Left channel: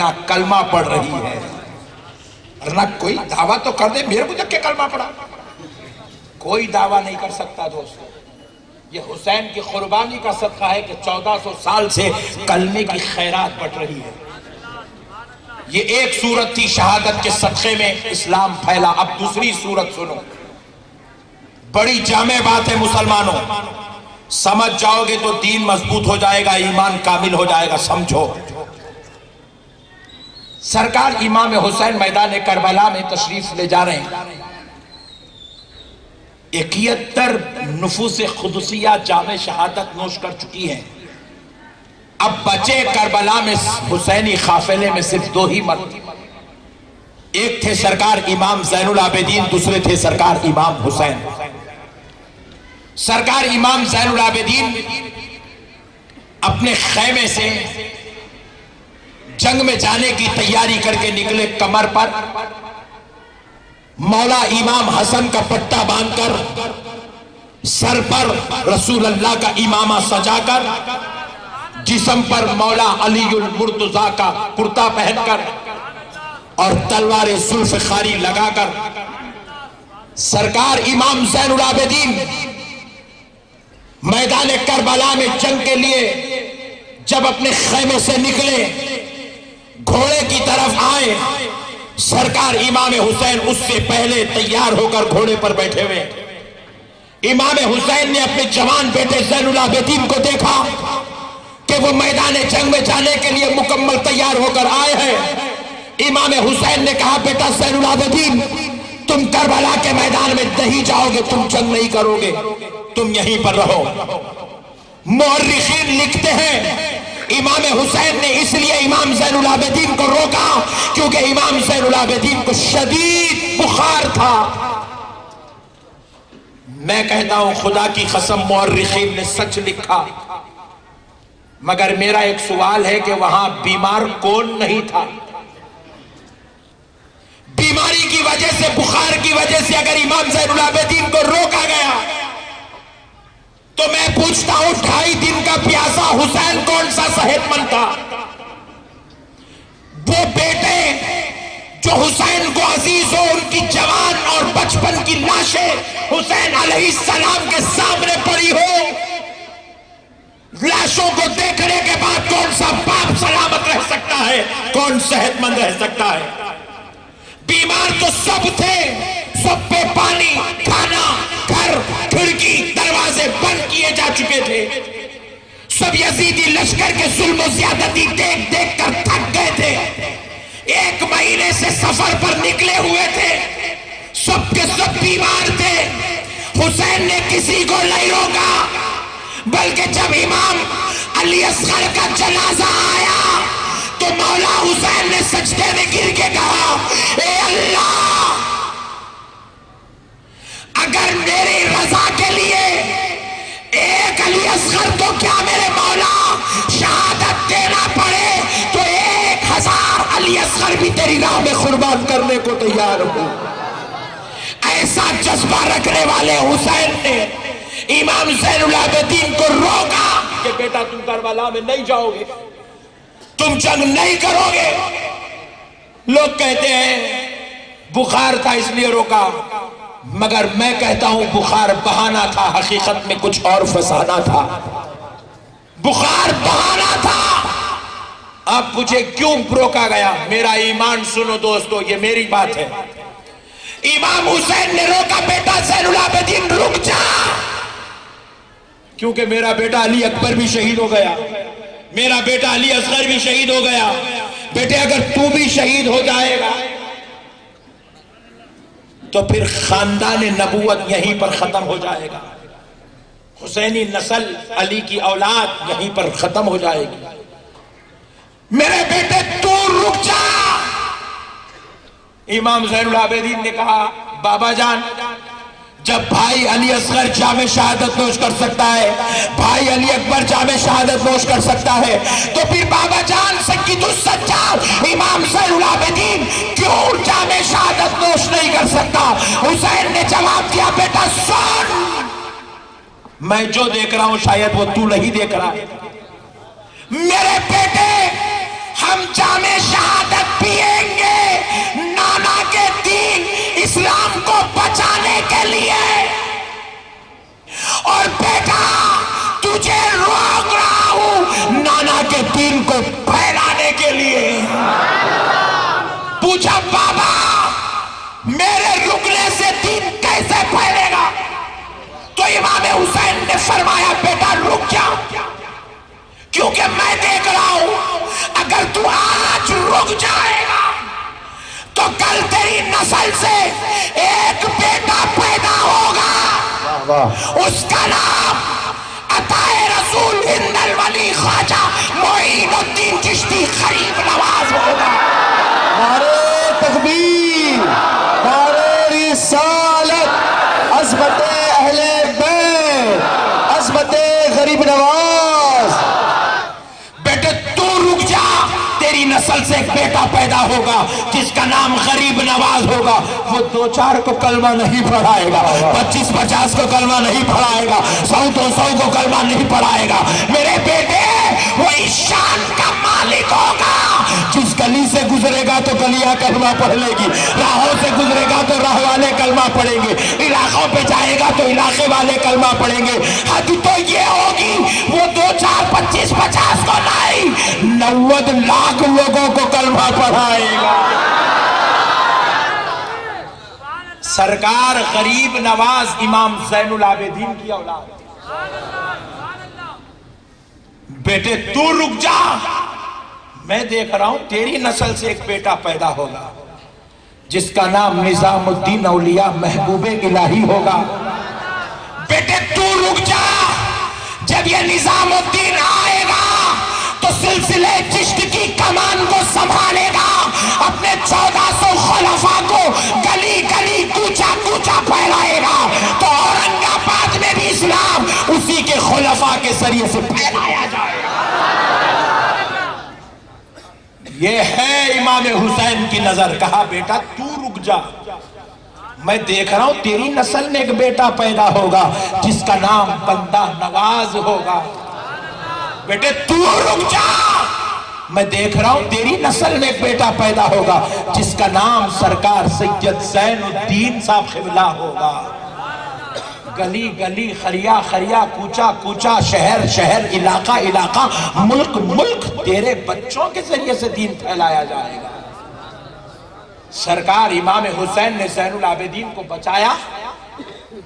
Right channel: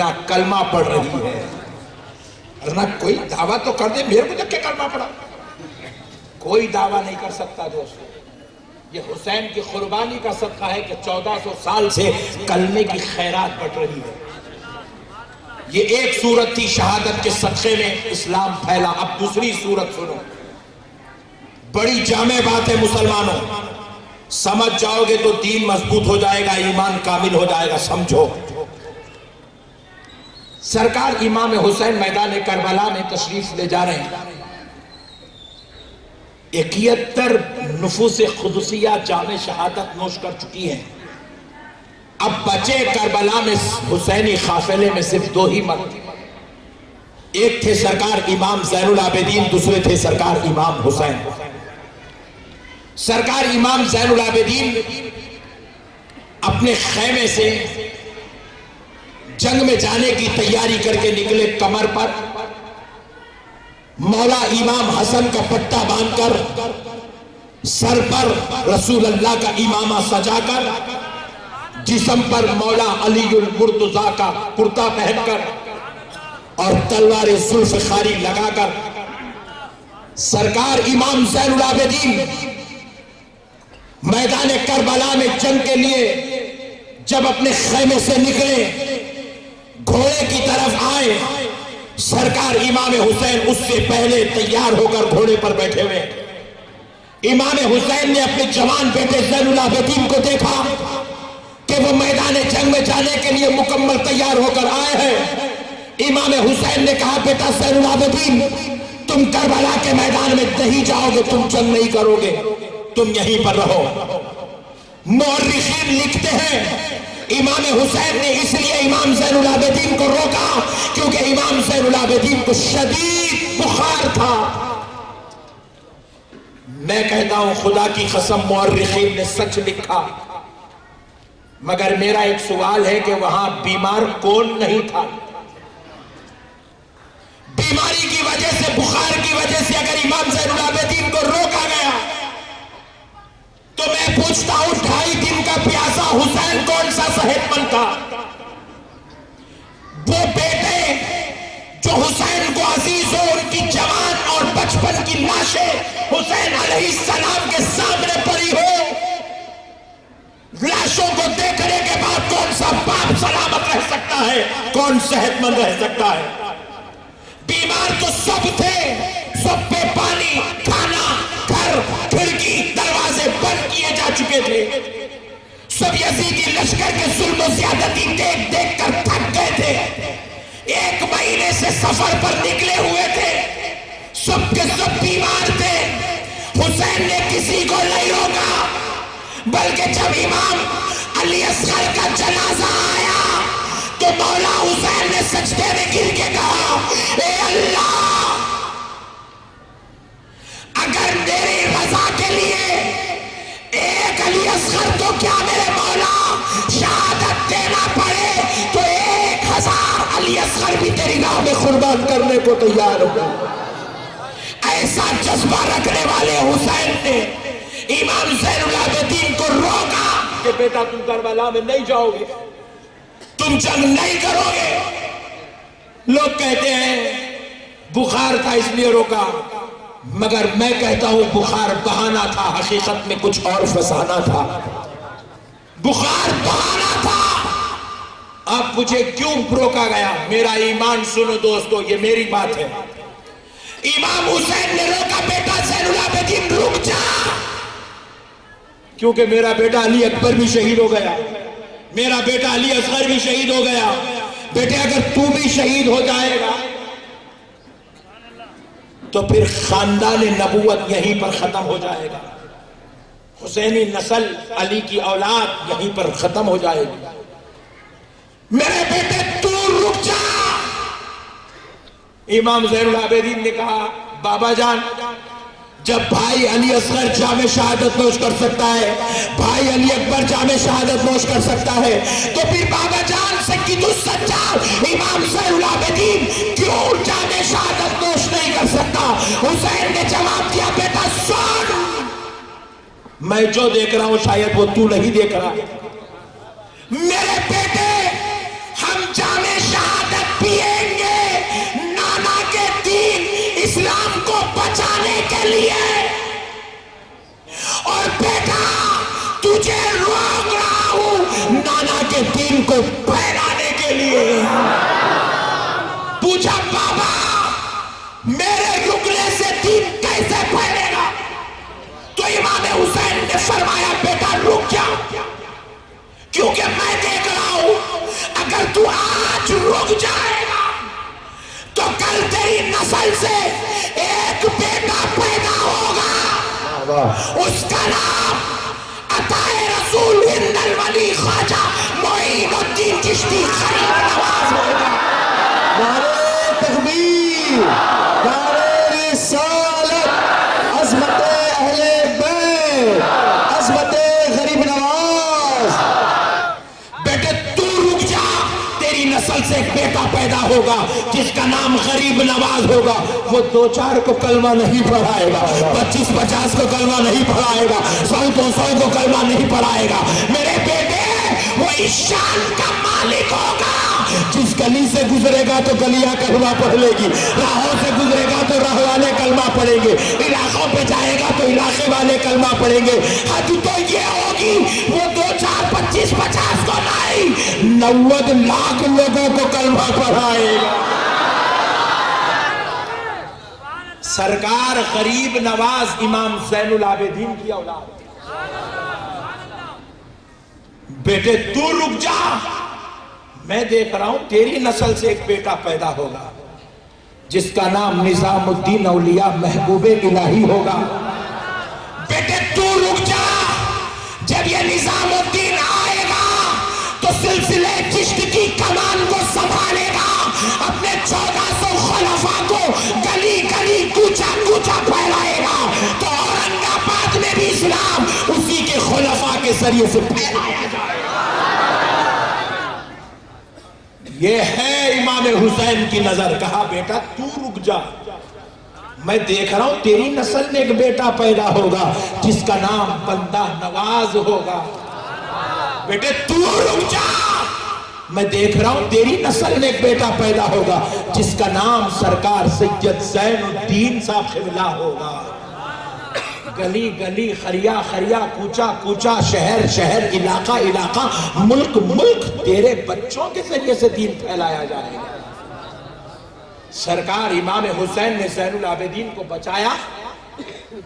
दुनिया कलमा पढ़ रही है। वरना कोई दावा तो कर दे, मेरे को जब के कलमा पढ़ा, कोई दावा नहीं कर सकता दोस्तों। ये हुसैन की कुर्बानी का सदका है कि 1400 साल से कलमे की खैरात बट रही है। ये एक सूरत थी, शहादत के सदक़े में इस्लाम फैला। अब दूसरी सूरत सुनो, बड़ी जामे बात है मुसलमानों, समझ जाओगे तो दीन मजबूत हो जाएगा, ईमान कामिल हो जाएगा। समझो, सरकार इमाम हुसैन मैदान करबला में तशरीफ ले जा रहे हैं। 71 नुफूस खुदसिया जामे शहादत नोश कर चुकी हैं। अब बचे करबला में हुसैनी काफिले में सिर्फ 2 ही मर्द, एक थे सरकार इमाम ज़ैनुल आबिदीन, दूसरे थे सरकार इमाम हुसैन। सरकार इमाम ज़ैनुल आबिदीन अपने खैमे से जंग में जाने की तैयारी करके निकले। कमर पर मौला इमाम हसन का पट्टा बांधकर, सर पर रसूल अल्लाह का इमामा सजाकर, जिस्म पर मौला अलीउल मुर्तजा का कुर्ता पहनकर और तलवार जुल्फ़िखारी लगाकर सरकार इमाम ज़ैनुल आबिदीन मैदान करबला में जंग के लिए जब अपने खैमे से निकले, घोड़े की तरफ आए, सरकार इमाम हुसैन उससे पहले तैयार होकर घोड़े पर बैठे हुए। इमाम हुसैन ने अपने जवान बेटे ज़ैनुल आबिदीन को देखा कि वो मैदान जंग में जाने के लिए मुकम्मल तैयार होकर आए हैं। इमाम हुसैन ने कहा, बेटा ज़ैनुल आबिदीन, तुम करबला के मैदान में नहीं जाओगे, तुम जंग नहीं करोगे, तुम यहीं पर रहो। मुअर्रिखीन लिखते हैं इमाम हुसैन ने इसलिए इमाम ज़ैनुल आबिदीन को रोका क्योंकि इमाम ज़ैनुल आबिदीन को शदीद बुखार था। मैं कहता हूं खुदा की कसम मुअर्रिखीन ने सच लिखा, मगर मेरा एक सवाल है कि वहां बीमार कौन नहीं था? बीमारी की वजह से, बुखार की वजह से अगर इमाम ज़ैनुल आबिदीन को रोका गया तो मैं पूछता हूं 2.5 दिन का प्यासा हुसैन कौन सा सेहतमंद था? वो बेटे जो हुसैन को अजीज हो, उनकी जवान और बचपन की लाशें हुसैन अलैहिस्सलाम के सामने पड़ी हो, लाशों को देखने के बाद कौन सा बाप सलामत रह सकता है, कौन सेहतमंद रह सकता है? बीमार तो सब थे, सब पे पानी, खाना, घर, खिड़की, दरवाजे बंद किए जा चुके थे। सब यजीदी लश्कर के जुल्म ज्यादती देख देख कर थक गए थे। 1 महीने से सफर पर निकले हुए थे, सबके सब बीमार थे। हुसैन ने किसी को नहीं रोका, बल्कि जब इमाम अली असगर का जनाजा आया तो मौला हुसैन ने सजदे में गिर के कहा, ए अल्लाह, अगर मेरी रजा के लिए एक अली असगर तो क्या मेरे मौला शहादत देना पड़े तो 1000 अली असगर भी तेरी राह में कुर्बान करने को तैयार हो। ऐसा जज्बा रखने वाले हुसैन ने इमाम ज़ैनुल आबिदीन को रोका कि बेटा तुम करबला में नहीं जाओगे, तुम जंग नहीं करोगे। लोग कहते हैं बुखार था इसलिए रोका, मगर मैं कहता हूं बुखार बहाना था, हकीकत में कुछ और फसाना था। बुखार बहाना था। अब मुझे क्यों रोका गया? मेरा ईमान सुनो दोस्तों, ये मेरी बात है। इमाम हुसैन ने रोका, बेटा ज़ैनुल आबिदीन रुक जा, क्योंकि मेरा बेटा अली अकबर भी शहीद हो गया, मेरा बेटा अली असगर भी शहीद हो गया। बेटे अगर तू भी शहीद हो जाएगा तो फिर खानदान नबूवत यहीं पर खत्म हो जाएगा, हुसैनी नस्ल, अली की औलाद यहीं पर खत्म हो जाएगी। मेरे बेटे तू रुक जा। इमाम ज़ैनुल आबिदीन ने कहा, बाबा जान, जब भाई अली असगर जामे शहादत नोश कर सकता है, भाई अली अकबर जामे शहादत नोश कर सकता है, तो फिर बाबा जान सय्यदुस सज्जाद इमाम ज़ैनुल आबिदीन क्यों जामे शहादत नोश नहीं कर सकता? हुसैन ने जवाब दिया, बेटा सुन, मैं जो देख रहा हूं शायद वो तू नहीं देख रहा। मेरे बेटे, हम जामे शहादत के लिए, और बेटा तुझे रोक रहा हूं नाना के दीन को फैलाने के लिए। पूछा बाबा मेरे रुकने से दीन कैसे फैलेगा? तो इमाम हुसैन ने फरमाया बेटा रुक जा, क्योंकि मैं देख रहा हूं अगर तू आज रुक जाएगा तो कल तेरी नस्ल से एक बेटा पैदा होगा, उसका नाम अताए रसूल हिंदल वली ख्वाजा मोइनुद्दीन चिश्ती गरीब नवाज होगा। नारे तकबीर, नारे रिसालत, अज़मते अहले बैत, अज़मते गरीब नवाज। बेटे तू रुक जा, तेरी नस्ल से एक बेटा पैदा होगा जिसका नाम गरीब नवाज होगा। वो 2-4 को कलमा नहीं पढ़ाएगा, 25-50 को कलमा नहीं पढ़ाएगा, 100-200 को कलमा नहीं पढ़ाएगा। मेरे बेटे वो इस शान का मालिक होगा जिस गली से गुजरेगा तो गलियां कलमा पढ़ लेगी, राहों से गुजरेगा तो राह वाले कलमा पढ़ेंगे, इलाकों पे जाएगा तो इलाके वाले कलमा पढ़ेंगे। हद तो ये होगी वो 2-4-25-50 को नहीं 90 लाख लोगों को कलमा पढ़ाएगा। सरकार गरीब नवाज इमाम ज़ैनुल आबिदीन की औलाद। बेटे तू रुक जा, मैं देख रहा हूं तेरी नस्ल से एक बेटा पैदा होगा जिसका नाम निजामुद्दीन औलिया महबूबे इलाही होगा। बेटे तू रुक जा, जब ये निजामुद्दीन आएगा तो सिलसिले चिश्त की कमान को संभालेगा, अपने 1400 खुलफा को गली गली कूचा कूचा फैलाएगा। तो औरंगाबाद में भी इस्लाम उसी के खुलफा के जरिए से फैलाया जाएगा। ये है इमाम हुसैन की नजर। कहा बेटा तू रुक जा, मैं देख रहा हूं तेरी नस्ल में एक बेटा पैदा होगा जिसका नाम बंदा नवाज होगा। बेटे तू रुक जा, मैं देख रहा हूं तेरी नस्ल में एक बेटा पैदा होगा जिसका नाम सरकार सैयद ज़ैनुद्दीन साहब क़िबला होगा। गली गली, खरिया खरिया, कूचा कूचा, शहर शहर, इलाका इलाका, मुल्क मुल्क तेरे बच्चों के जरिए से दीन फैलाया जाएगा। सरकार इमाम हुसैन ने ज़ैनुल आबिदीन को बचाया,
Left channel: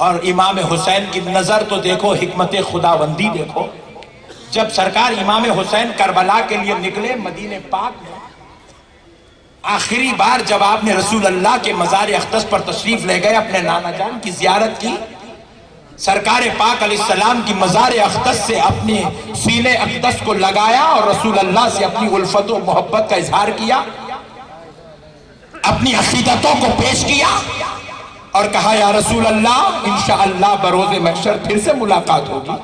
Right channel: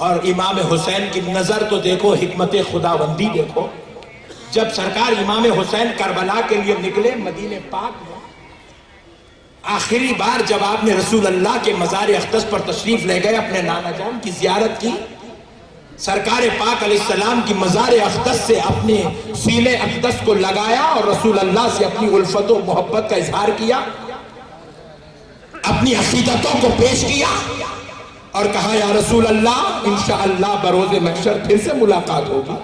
और इमाम हुसैन की नजर तो देखो, हिकमत खुदाबंदी देखो। जब सरकार इमाम हुसैन करबला के लिए निकले मदीने पाक में, आखिरी बार जब आपने रसूल अल्लाह के मज़ार अक़दस पर तशरीफ ले गए, अपने नाना जान की जियारत की, सरकार पाक अलैहिस्सलाम की मज़ार अक़दस से अपने सीने अक़दस को लगाया और रसूल अल्लाह से अपनी उल्फत और मोहब्बत का इजहार किया, अपनी अक़ीदतों को पेश किया और कहा या रसूल अल्लाह इंशाअल्लाह बरोज़े महशर फिर से मुलाकात होगी।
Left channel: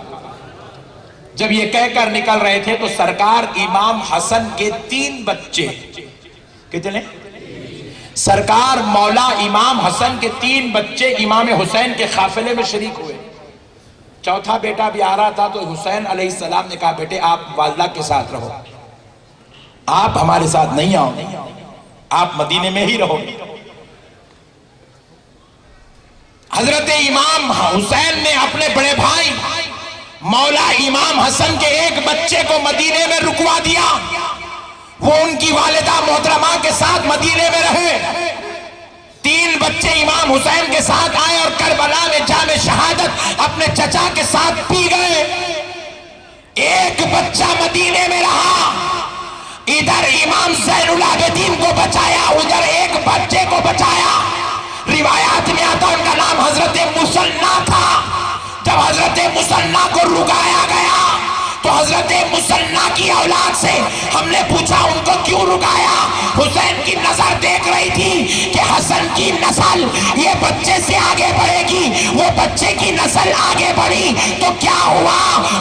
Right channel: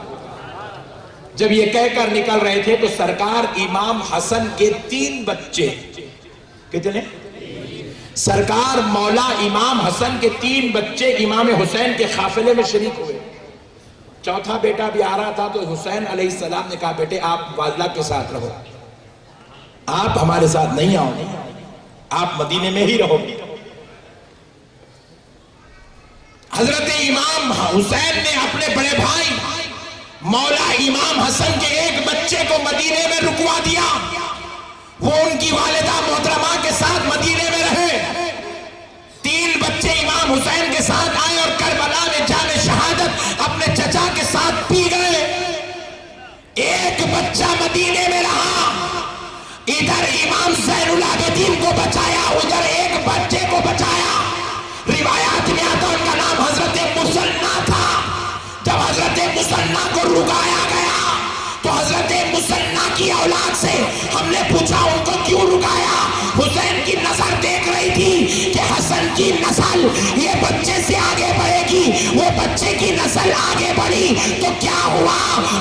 जब ये कहकर निकल रहे थे तो सरकार इमाम हसन के 3 बच्चे, कितने? सरकार मौला इमाम हसन के 3 बच्चे इमाम हुसैन के काफिले में शरीक हुए। चौथा बेटा भी आ रहा था तो हुसैन अलैहिस्सलाम ने कहा बेटे आप वालिदा के साथ रहो, आप हमारे साथ नहीं आओ, आप मदीने में ही रहो। हजरत इमाम हुसैन ने अपने बड़े भाई मौला इमाम हसन के एक बच्चे को मदीने में रुकवा दिया, वो उनकी वालिदा मोहतरमा के साथ मदीने में रहे। 3 बच्चे इमाम हुसैन के साथ आए और करबला में जामे शहादत अपने चचा के साथ पी गए। एक बच्चा मदीने में रहा, इधर इमाम ज़ैनुल आबिदीन को बचाया, उधर एक बच्चे को बचाया। रिवायात में आता उनका नाम हजरत मुसन्ना था। जब हजरत मुसन्ना को रुकाया गया तो हजरत मुसन्ना की औलाद से हमने पूछा उनको क्यों रुकाया? हुसैन की नजर देख रही थी कि हसन की नस्ल ये बच्चे से आगे बढ़ेगी, वो बच्चे की नस्ल आगे बढ़ी तो क्या हुआ?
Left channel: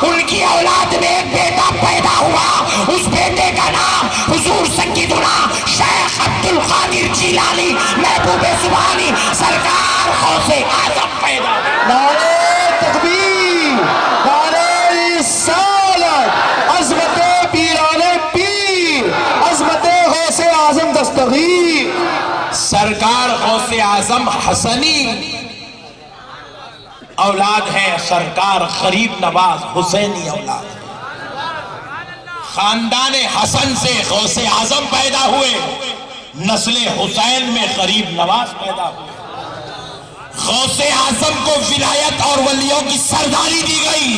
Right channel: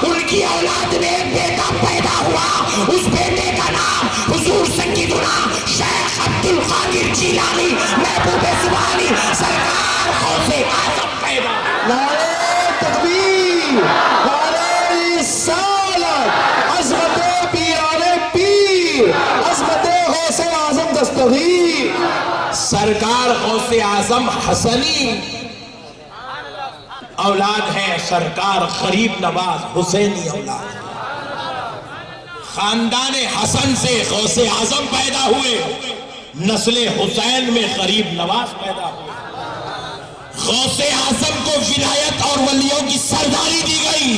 उनकी औलाद में एक बेटा पैदा हुआ, उस बेटे का नाम हुजूर सय्यदुना शेख अब्दुल कादिर जिलानी महबूबे सुभानी सरकार गौसे आज़म पैदा हुआ। नारे तकबीर, नारे रिसालत, अज़मते पीराने पीर, अज़मते गौसे आज़म दस्तगीर। सरकार गौसे आज़म हसनी औलाद है सरकार गरीब नवाज हुसैनी औलाद। खानदान हसन से गौसे आजम पैदा हुए, नस्ले हुसैन में गरीब नवाज पैदा हुए। गौसे आजम को विलायत और वलियों की सरदारी दी गई,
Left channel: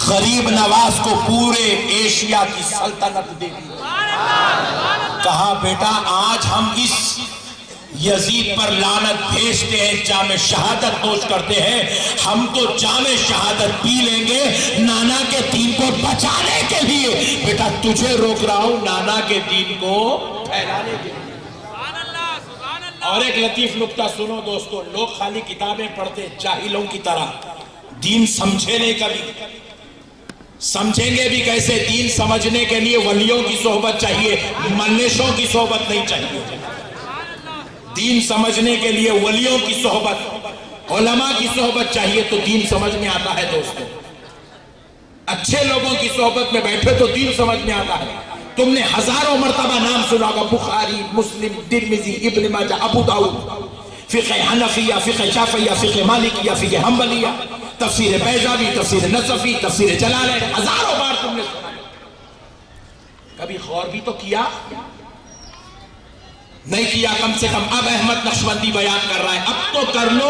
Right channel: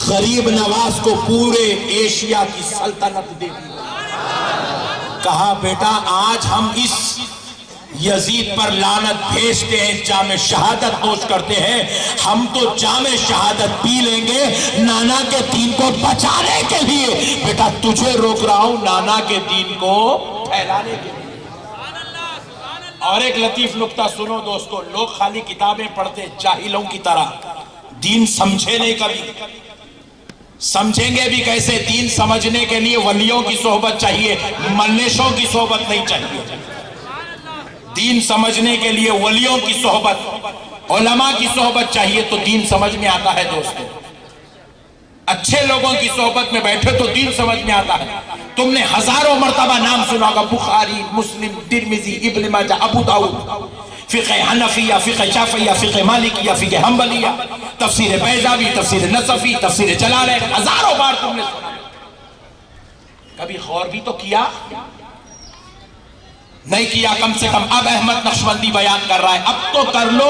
गरीब नवाज को पूरे एशिया की सल्तनत दे दी। कहा बेटा आज हम इस यजीद पर लानत भेजते हैं, जामे शहादत नोश करते हैं, हम तो जामे शहादत पी लेंगे नाना के दीन को बचाने के लिए। बेटा तुझे रोक रहा हूं नाना के दीन को फैलाने के लिए। और एक लतीफ नुक्ता सुनो दोस्तों, लोग खाली किताबें पढ़ते जाहिलों की तरह, दीन समझे नहीं कभी, समझेंगे भी कैसे? दीन समझने के लिए वलियों की सोहबत चाहिए, मल्लेशों की सोहबत नहीं चाहिए। दीन समझने के लिए वलियों की सोहबत, उलमा की सोहबत चाहिए तो दीन समझ में आता है दोस्तों। अच्छे लोगों की सोहबत में बैठे तो दीन समझ में आता है। तुमने हजारों मर्तबा नाम सुना होगा, बुखारी, मुस्लिम, तिरमिजी, इब्न माजा, अबू दाऊद, फिक़े हनफिया, फिक़े शाफ़िया, फिक़े मालिकिया, फिक़े हम्बलिया, तफसीर बैज़ावी, तफसीर नसफी, तफसीर जलालैन, हजारों बार तुमने सुना। कभी गौर भी तो किया नहीं किया? कम से कम अब अहमद नक्शबंदी बयान कर रहा है, अब तो कर लो,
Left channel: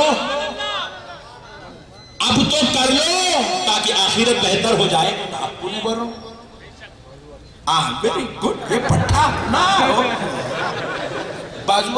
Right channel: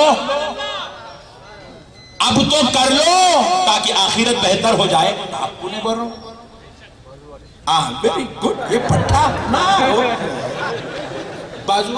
अब तो कर लो ताकि आखिरत बेहतर हो जाए। आपको नहीं बोल रहा हूं, वेरी गुड, ये पट्टा ना हो बाजू